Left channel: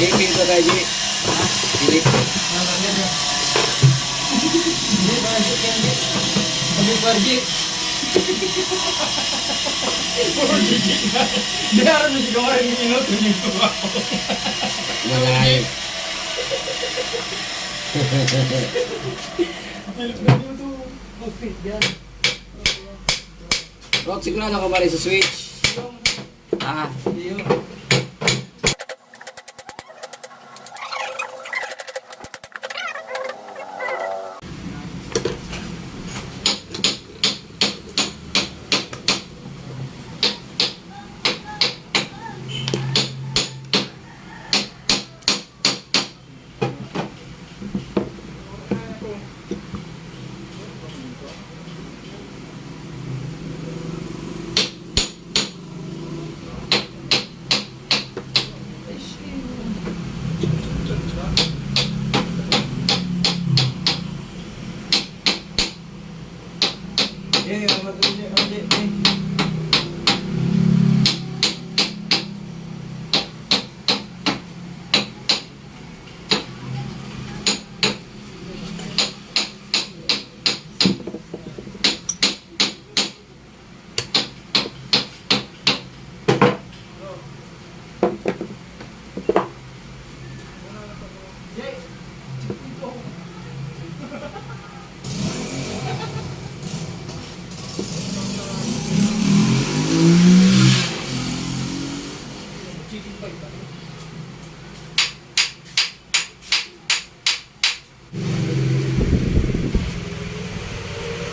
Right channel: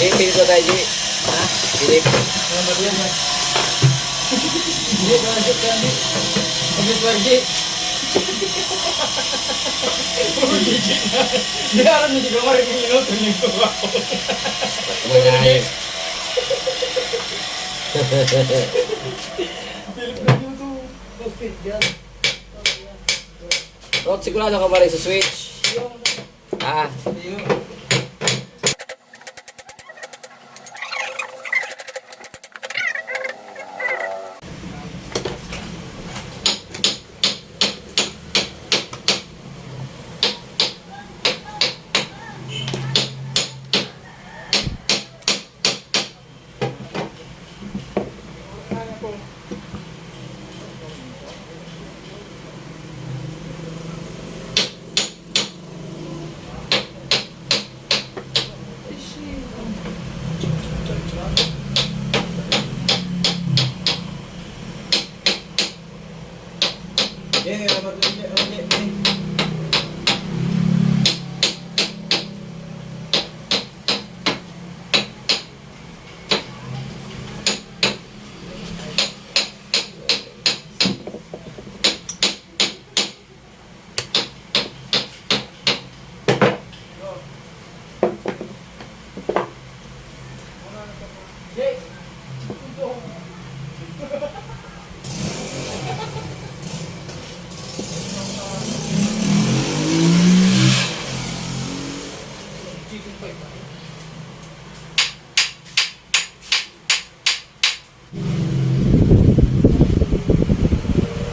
Jay, may ito tayo, Jay. Jay. Di harap mo si Kamarin yung minuto nito ako. Magalit. Rod, sigurado ka ba rin sa switch? Ah.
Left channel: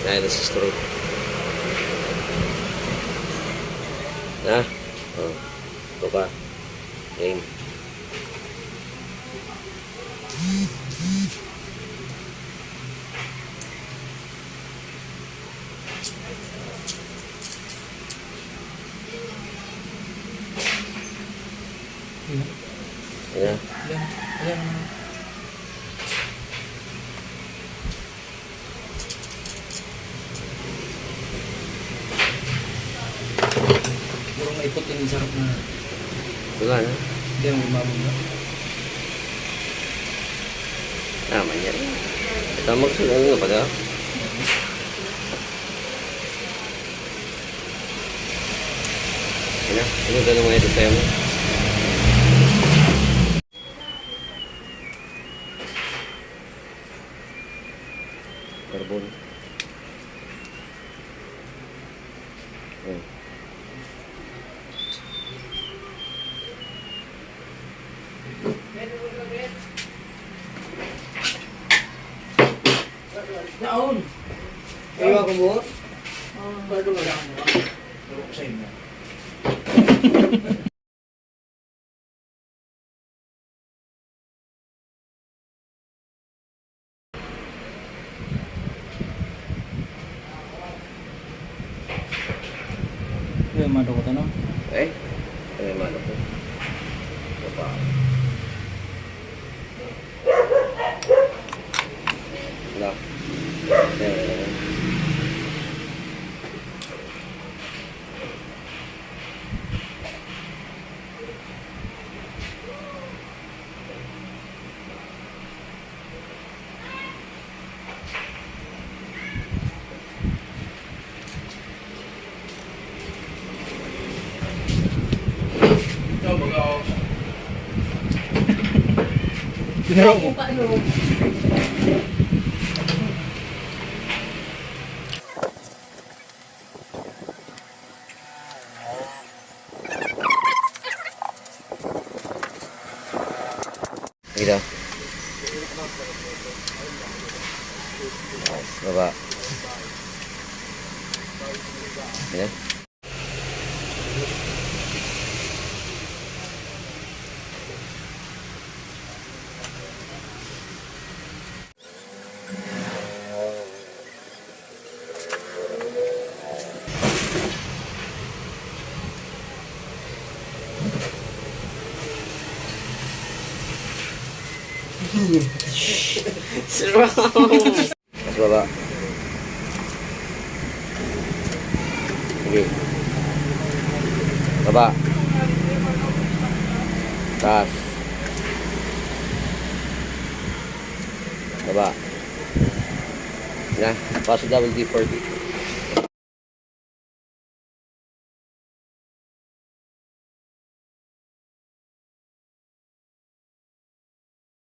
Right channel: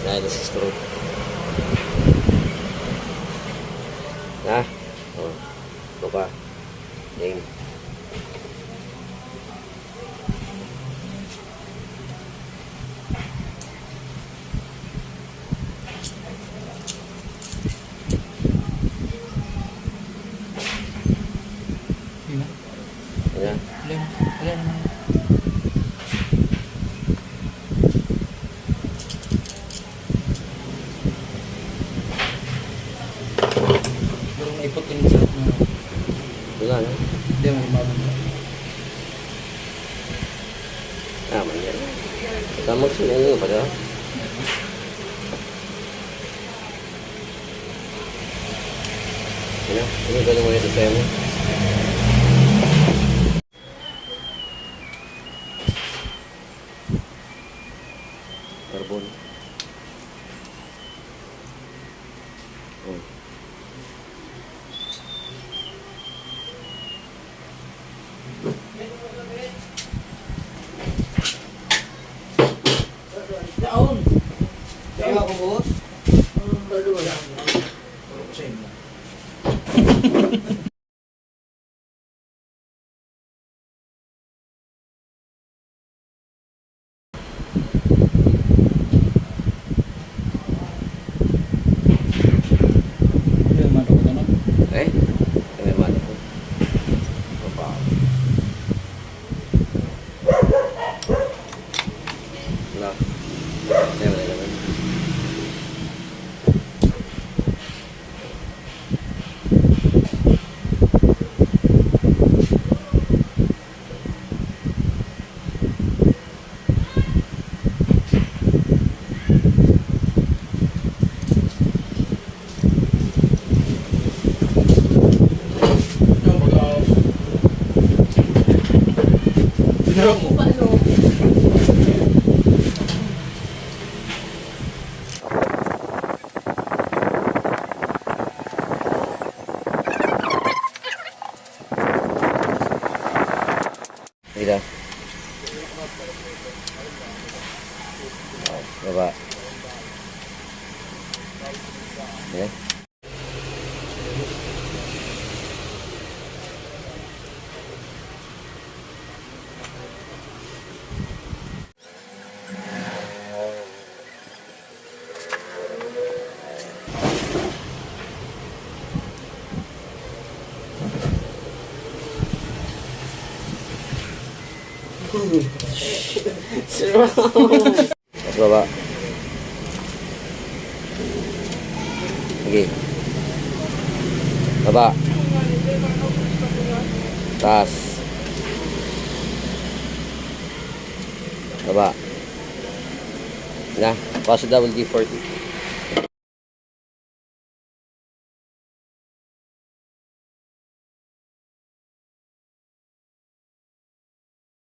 Nah, itu stroke. Nah, lupa. Ini. Ya. Ikot ini sarap na. Wala na. Hindi mo gumamon mo. Tama niya. Ito magsunod nga pala. Yan na. Sunod mo ito sa'yo mo. Carbon. Naon. Ewa ko boss. Bago wala mo. Bago ko sa inyo. Mano ko tanong. May mano ko. Papa. Wala. Wala. Ginawa mo. Gitu. Baba. Ya. Serem. Mas baba. Lagi. Baba. Tas. Baba. Na, pass double D40.